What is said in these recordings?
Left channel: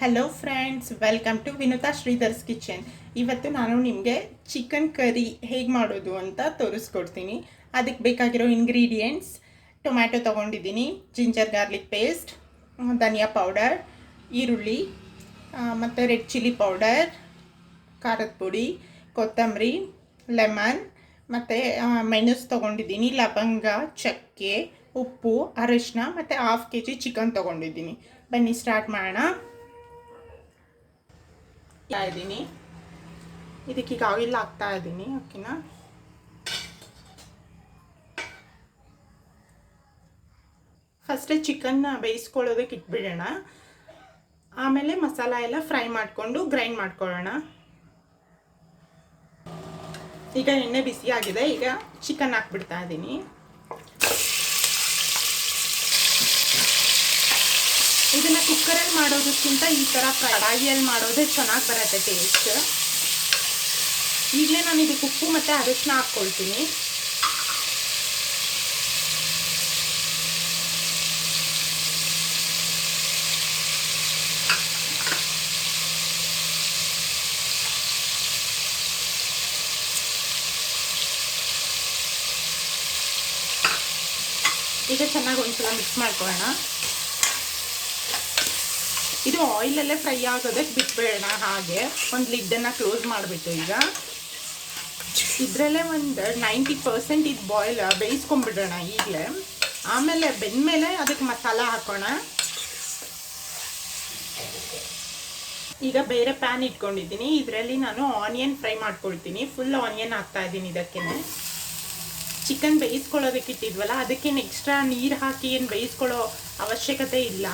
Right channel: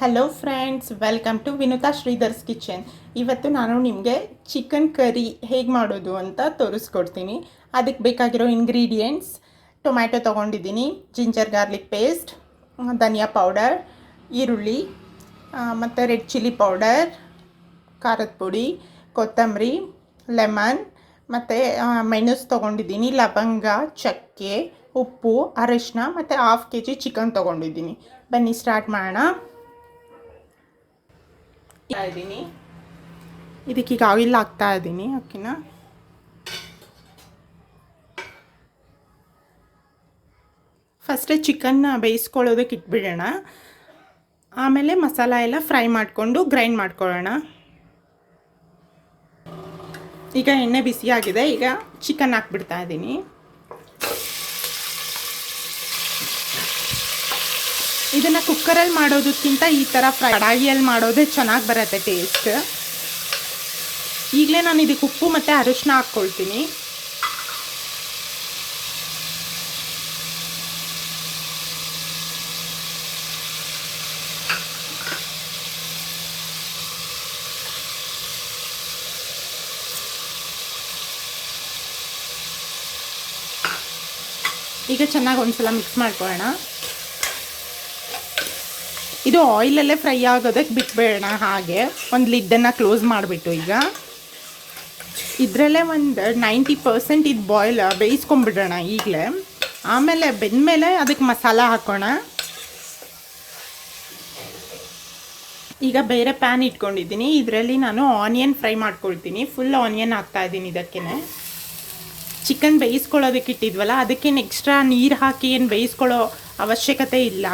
Hello friends, welcome to Vinutha Sridhar's kitchen. ಇವತ್ತು ನಾನು ನಿಮಗೆ ಚಿಕನ್ ಕರಿ ಹೇಗೆ ಮಾಡೋದು ಅಂತ ತೋರಿಸ್ಕೊಡ್ತೀನಿ. ಅದಕ್ಕೆ ಬೇಕಾಗಿರೋ ಇಂಗ್ರೀಡಿಯೆಂಟ್ಸ್: ಟೊಮ್ಯಾಟೊ ತೊಗೊಂಡಿದ್ದೀನಿ, ಜಿಂಜರ್ ಗಾರ್ಲಿಕ್ ಪೇಸ್ಟ್, ಧನಿಯಾ ಪೌಡರ್, ಈರುಳ್ಳಿ, ಮತ್ತು ರೆಡ್ ಚಿಲ್ಲಿ ಪೌಡರ್, ಖಾರದ ಪುಡಿ, ಕೊತ್ತಂಬರಿ, ಲೆಮನ್, ಮತ್ತು ಮೆಣಸು ತೊಗೊಂಡಿದ್ದೀನಿ, ಲವಂಗ, ಚಕ್ಕೆ, ಉಪ್ಪು, ಅರಿಶಿನ ಮತ್ತು 1/2 kg ಚಿಕನ್ ತೊಗೊಂಡಿದ್ದೀನಿ. ಬನ್ನಿ ಸ್ಟಾರ್ಟ್ ಮಾಡೋಣ. ಇದ್ದೀನಿ ಇದಕ್ಕೀಗ ಆಯಿಲ್ ಹಾಕ್ತಾ ಇದ್ದೀನಿ. ಓಕೆನಾ? ಫಸ್ಟೇ ಚಿಕನ್ನ ಬೇಯಿಸ್ಕೊಳ್ಳೋದಕ್ಕೆ ಇಟ್ಬಿಡೋಣ. ಆಮೇಲೆ ಮಸಾಲ ಎಲ್ಲ ಫ್ರೈ ಮಾಡಿಕೊಂಡು ಗ್ರೈಂಡ್ ಮಾಡ್ಕೊಳ್ಳೋಣ. ಈಗ ಎಣ್ಣೆ ಬಿಸಿಯಾಗಿದೆ. ಈಗ ಚಿಕನ್ ಹಾಕ್ಬಿಡ್ತಾ ಇದ್ದೀನಿ. ಇದನ್ನು ಕುಕ್ಕರಲ್ಲಿ ಮಾಡೋದಕ್ಕಿಂತ ಈ ಥರ ಕಡಾಯಿಯಲ್ಲಿ ಮಾಡೋದೇ ಚೆನ್ನಾಗಿ ಬರುತ್ತೆ ಟೇಸ್ಟ್. ಈಗಲೇ ನಾನು ಇದಕ್ಕೆ ಉಪ್ಪು ಮತ್ತು ಅರಿಶಿನ ಹಾಕ್ಕೊಳ್ತೀನಿ. ಈಗ ಚೆನ್ನಾಗಿ ಒಂದ್ಸಲ ಮಿಕ್ಸ್ ಮಾಡ್ಕೊಳ್ಳೋಣ. ಇದು ಆಯಿಲಲ್ಲೇ ಫ್ರೈ ಆಗೋದಕ್ಕೆ ಬಿಟ್ಬೇಡ. ಹಾಗೆ ಒಂದು ಲಿಡ್ಡನ್ನು ಕ್ಲೋಸ್ ಮಾಡಿಬಿಟ್ಟು ಈಗ ಇದರಲ್ಲೇ ಒಂದು 90% ಇದು ಬೇಯಿಸ್ಕೊಂಬಿಡೋಣ ಈಗಲೇ. ಆಮೇಲೆ ಬೆಂದಮೇಲೆ ಅದಕ್ಕೆ ಮಸಾಲ ಹಾಕೋಣ. ಈಗ ಬೇರೆ ಪ್ಯಾನ್ ಇಟ್ಕೊಂಡಿದ್ದೀನಿ. ಇದರಲ್ಲಿ ನಾನು ಆನಿಯನ್ ಫ್ರೈ ಮಾಡ್ಕೊಳ್ತೀನಿ. ಫುಲ್ ಆನಿಯನ್ ಹಾಕ್ತಾಯಿದ್ದೀನಿ. ಇದಕ್ಕೇ ಚಿಕನ್ ಬೇಯಿಸ್ಕೊಳ್ಳೋದಕ್ಕೆ ಇಟ್ಟಿದ್ವಲ್ಲ, ಅದಕ್ಕೇನು ಎಕ್ಸ್ಟ್ರಾ ನೀರು ಹಾಕಿ ಏನು ಬೇಯಿಸ್ಕೊಳ್ಳೋ ಅವಶ್ಯಕತೆ ಇಲ್ಲ.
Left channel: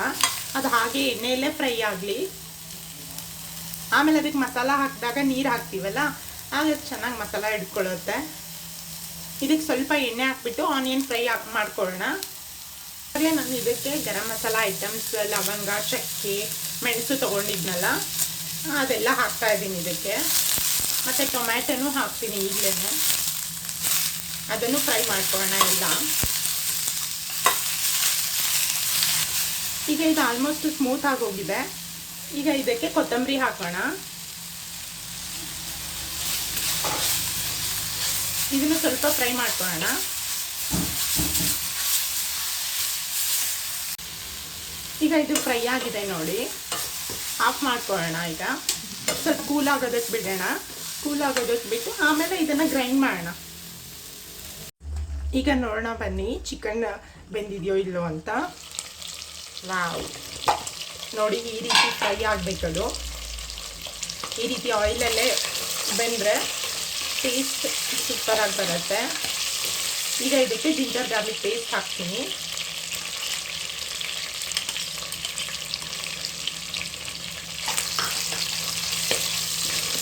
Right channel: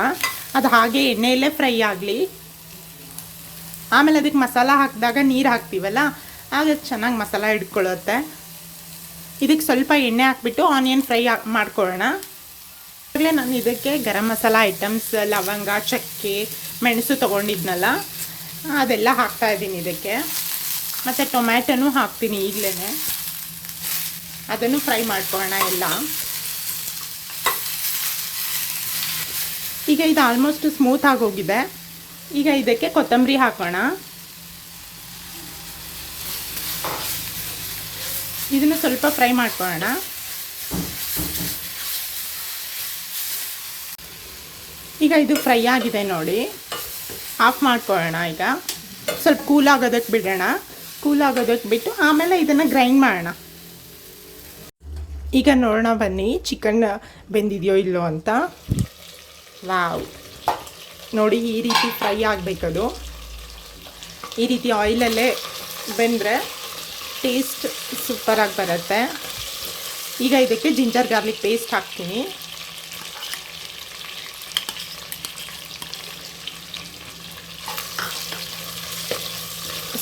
ಅದು ಹಾಗೆ ಎಣ್ಣೆಯಲ್ಲೇ ಫ್ರೈ ಆಗಲಿ. ಆಮೇಲೆ ಅದಕ್ಕೆ ಮಸಾಲ ಹಾಕಿದಾಗ ನೀರು ಹಾಕ್ತೀವಲ್ಲ, ಆಗ ಚೆನ್ನಾಗಿ ಮಸಾಲ ಹಿಡ್ಕೊಳ್ಳುತ್ತೆ. ಇದಕ್ಕೆ ಸ್ವಲ್ಪ ಎಣ್ಣೆ ಹಾಕ್ಬಿಟ್ಟು ಆನಿಯನ್ ಫ್ರೈ ಮಾಡ್ಕೊಳ್ಳೋಣ. ಆಗಲೇ ನಾನು ಇದಕ್ಕೆ ಗರಂ ಮಸಾಲ ಐಟಮ್ಸ್, ಲವಂಗ, ಚಕ್ಕೆ, ಮೆಣಸು ತೊಗೊಂಡಿದ್ನಲ್ಲ, ಅದೆಲ್ಲ ಹಾಕ್ತಾಯಿದ್ದೀನಿ ಇದಕ್ಕೆ. ಮತ್ತು ಟೊಮ್ಯಾಟೊನೂ ಹಾಕ್ತೀನಿ ಈಗಲೇ. ಅದನ್ನು ಫ್ರೈ ಮಾಡ್ಕೊಳ್ಳೋಣ ಎಲ್ಲ. ಈಗ ಇದು ಆಲ್ಮೋಸ್ಟ್ ಸ್ಮೂತ್ ಆಗೋಗಿದೆ. ಈಗ ಇದಕ್ಕೆ ಕೊತ್ತಂಬರಿ ಹಾಕೋಣ. ಇದನ್ನು ಸ್ವಲ್ಪ ಫ್ರೈ ಮಾಡ್ಕೊಳ್ಳೋಣ. ಈಗ ಇದು ಫ್ರೈ ಆಗಿದೆ ನೋಡಿ. ಆಫ್ ಮಾಡ್ಕೊಳ್ಳೋಣ. ಈಗ ಸ್ವಲ್ಪ ಕೂಲ್ ಆಗೋದಕ್ಕೆ ಬಿಡೋಣ. ಕೂಲ್ ಆಗೋದಕ್ಕೆ ಬಿಟ್ಟು ಆಮೇಲೆ ಇದನ್ನು ಗ್ರೈಂಡ್ ಮಾಡೋಣ. ಈಗ ನೋಡೋಣ ಬನ್ನಿ, ಚಿಕನ್ ಬೆಂದಿದೆಯೋ ಇಲ್ಲೋ ಅಂತ. ವಾವ್, ನೋಡಿ ಈ ರೀತಿ ಫ್ರೈ ಆಗಬೇಕದು. ಈ ರೀತಿ ಆಯಿಲಲ್ಲೇ ಬೆಂದರೆ ಟೇಸ್ಟ್ ಸೂಪರಾಗಿ ಬರುತ್ತೆ. ಈಗ ಇದಕ್ಕೆ ಜಿಂಜರ್ ಗಾರ್ಲಿಕ್ ಪೇಸ್ಟ್ ಹಾಕ್ತೀನಿ.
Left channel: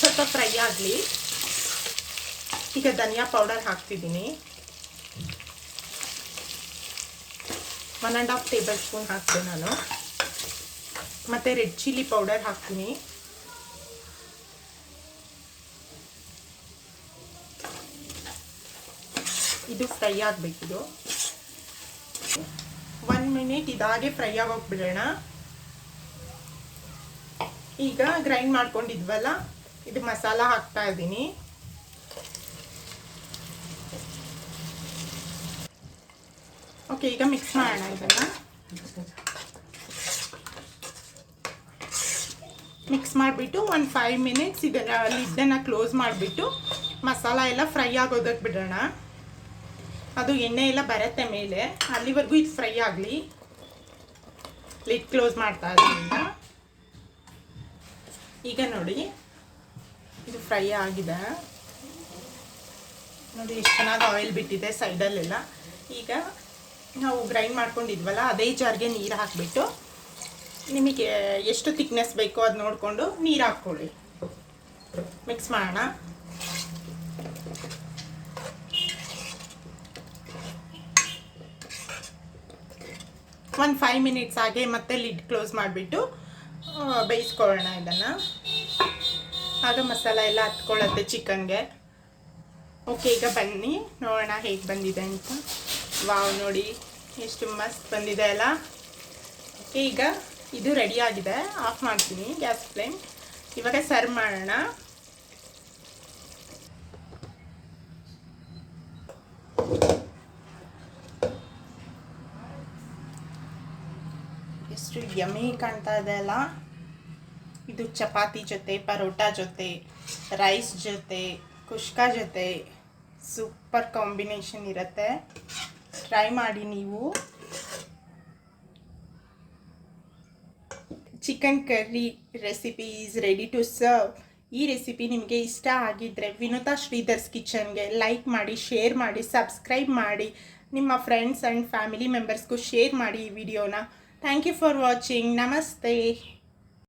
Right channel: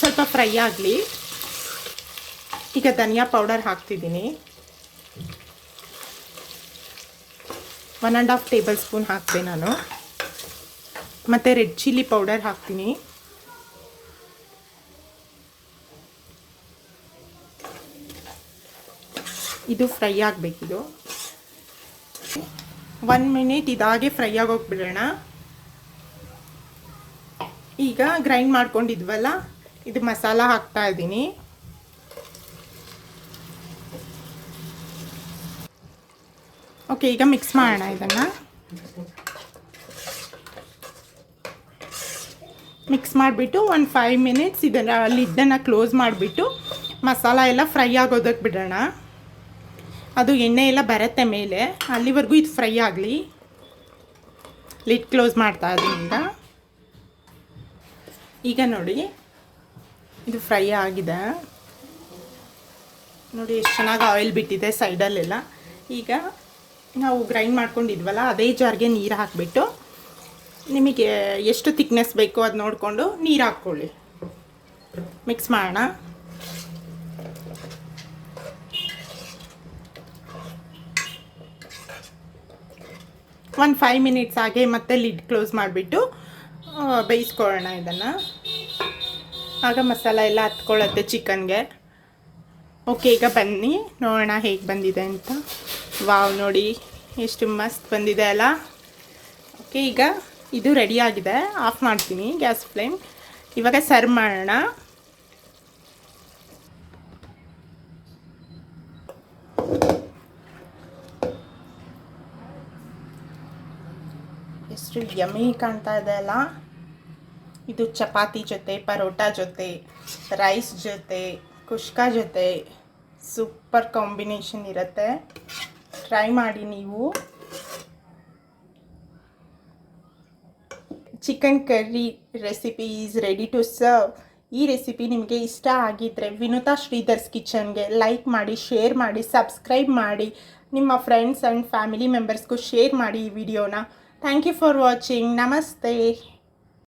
ಸ್ವಲ್ಪ ಫ್ರೈ ಆಗಲಿ. ಈಗ ಧನಿಯಾ ಪೌಡರ್ ಹಾಕ್ತಿದ್ದೀನಿ. 1.5 ಟೇಬಲ್ ಸ್ಪೂನ್ ಹಾಕ್ತೆ ನಾನು. ಮತ್ತು ರೆಡ್ ಚಿಲ್ಲಿ ಪೌಡರ್ ಹಾಕ್ತೀನಿ. ಇದು ಫ್ರೈ ಆಗಬೇಕಿದು. 1 ಮಿನಿಟ್ ಇದಾಗೆ ಫ್ರೈ ಆಗೋಗ್ಬಿಡೋಣ. ಈಗ ಗ್ರೈಂಡ್ ಮಾಡ್ಕೊಂಡಿದ್ವಲ್ಲ, ಇದು ಮಸಾಲ ಹಾಕ್ತಾ ಇದ್ದೀನಿ. ಓಕೆ, ಈಗ ಮಿಕ್ಸ್ ಮಾಡೋಣ. ಇದನ್ನು ಮಿಕ್ಸ್ ಮಾಡಿಬಿಟ್ಟು ಒಂದು 5 ಮಿನಿಟ್ಸ್ ಇದನ್ನು ಲಿಡ್ಡನ್ನು ಕ್ಲೋಸ್ ಮಾಡಿಬಿಟ್ಟು ಮಸಾಲ ಎಲ್ಲ ಫ್ರೈ ಆಗೋದಕ್ಕೆ ಬಿಡೋಣ. ಅದು ಎಣ್ಣೆ ಎಲ್ಲ ಬರುತ್ತೆ ಮೇಲೆ, ಅಲ್ಲಿವರೆಗೂ ಇದು ಫ್ರೈ ಆಗಲಿ. ಲಿಡ್ ಕ್ಲೋಸ್ ಮಾಡ್ತಾ ಇದ್ದೀನಿ. ಈಗ ನೋಡಿ ಇದು ಫ್ರೈ ಆಗಿದೆ. ನೋಡಿ ಎಷ್ಟು ಚೆನ್ನಾಗಿ ಆಯಿಲ್ ಬಿಟ್ಟಿದೆ ಸೈಡಲ್ಲೆಲ್ಲ. ಈಗ ನಾವು ಗ್ರೈಂಡ್ ಮಾಡ್ಕೊಂಡಿದ್ವಲ್ಲ, ಅದೇ ಜಾರ್ಗೆ ನೀರು ಹಾಕಿಬಿಟ್ಟು ನಿಮಗೆ ಎಷ್ಟು ಥಿಕ್ನೆಸ್ ಬೇಕೋ ಅದು ನೋಡಿಕೊಂಡು ನೀರು ಹಾಕ್ಕೊಳ್ಳಿ. ಮಿಕ್ಸ್ ಮಾಡೋಣ. ಒಂದು 5 ಮಿನಿಟ್ಸ್ ಹಾಗೆ ಮತ್ತೆ ಲಿಡ್ ಕ್ಲೋಸ್ ಮಾಡಿಬಿಟ್ಟು ಬೇಯಿಸ್ಕೊಳ್ಳೋಣ ಇದನ್ನು. ಆಗ ಮಸಾಲ ಎಲ್ಲ ಹತ್ಕೊಳ್ಳುತ್ತೆ ಚಿಕನ್ಗೆ. ಓಕೆ, ಈಗ ಬನ್ನಿ ನೋಡೋಣ ಹೇಗೆ ಬಂದಿದೆ ಅಂತ. ವಾವ್, ನೋಡಿ ಎಷ್ಟು ಮಸ್ತ್ ಬಂದಿದೆ ಅಲ್ಲ. ಓಕೆ, ಈಗ ಇದು ರೆಡಿ ಆಗಿದೆ, ಆಫ್ ಮಾಡ್ತೀನಿ ಗ್ಯಾಸ್ ಫ್ಲೇಮ್. ಇವಾಗ ಸರ್ವ್ ಮಾಡೋಣ. ಎಷ್ಟು ಯಮ್ಮಿ ಕಾಣ್ತಾ ಇದೆ ಅಲ್ಲ. ಇದು ಚಪಾತಿ ಜೊತೆ, ಪರೋಟ ಜೊತೆ, ರೈಸ್ ಜೊತೆ, ಕುಷ್ಕಾ ಜೊತೆ ಸೂಪರ್ ಕಾಂಬಿನೇಷನ್ ಇರುತ್ತೆ. ಟ್ರೈ ಮಾಡಿ ನೀವು. Chicken curry recipe is ready to serve. ಈ ರೆಸಿಪಿ ನಿಮಗೆ ಇಷ್ಟ ಆಗಿದ್ದರೆ ವಿನುತಾ ಶ್ರೀಧರ್ಸ್ ಕಿಚನ್ಗೆ ಲೈಕ್ ಮಾಡಿ, ಶೇರ್ ಮಾಡಿ, ಸಬ್ಸ್ಕ್ರೈಬ್ ಮಾಡಿ. ನಿಮ್ಮ ಫ್ರೆಂಡ್ಸ್ ಆ್ಯಂಡ್ ಫ್ಯಾಮಿಲಿ ಮೆಂಬರ್ಸ್ಗೂ ಶೇರ್ ಮಾಡಿ ಈ ವಿಡಿಯೋನ. Thank you for watching. ನಮಸ್ತೆ.